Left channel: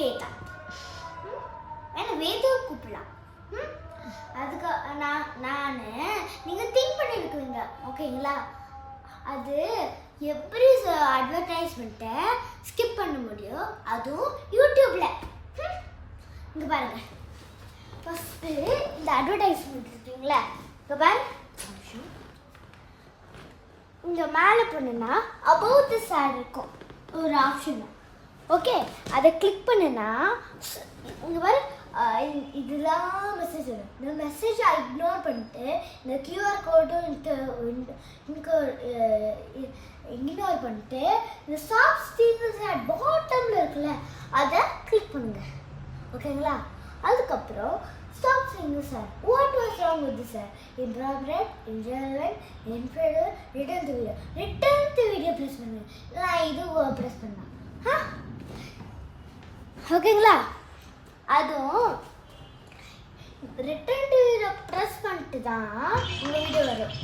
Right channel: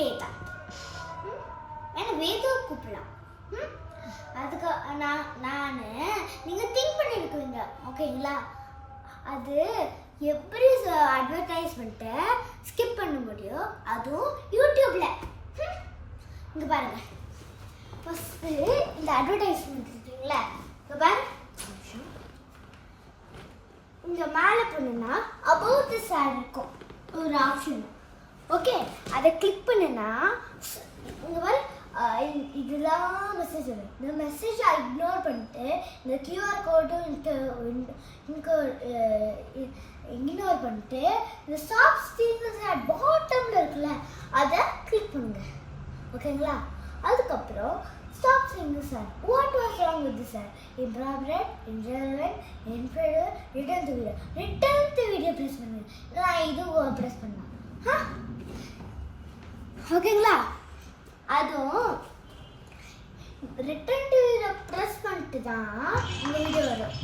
வேதா. என்ன வேதா கூப்பிடலாம். அதுக்கு நான் நீங்கள் திங்க் பண்ணியிருக்குவீங்க ஓகேங்களா. அது எப்படி அட்வர்டைஸ்மெண்ட்டை ஸ்கிப் பண்ண முடியும், அதுவும் யூடியூப்பில். இங்கே பாருங்கள், ஃபஸ்ட்டு இந்த அட்வர்டைஸ்மெண்ட் இருக்குங்களா, இங்கே பாருங்க. இங்கே மேலே போனோன்னா அபவுட் திஸ் ஆட் இருக்கும் ஒரு ஆப்ஷன். ஓகே, அதை கிளிக் பண்ணுன்னா இங்கே பாரு, இதெல்லாம் மெசேஜ் வரும். இந்த மெசேஜை இக்னோர் பண்ணிட்டு இந்த கியூஆர் கோடும் இக்னோர் பண்ணிட்டு இந்த ஸ்டாப் ஸ்டீரிங் ஆட் பாட்டமில் இருக்குல்ல, அதை கிளிக் பண்ணுங்க ஓகேங்களா. அதுக்கப்புறம் stop steering sir, what was wrong with sir, impropriate in general inferior return to video press பண்ணுங்க. நான் இது ப்ரெஸ் பண்ணலாம் ஓகேங்களா. அதுவும் ரிட்டர்ன் டு வீடியோ ப்ரெஸ் பண்ணிட்டு தான் இந்த வீடியோ வரும்.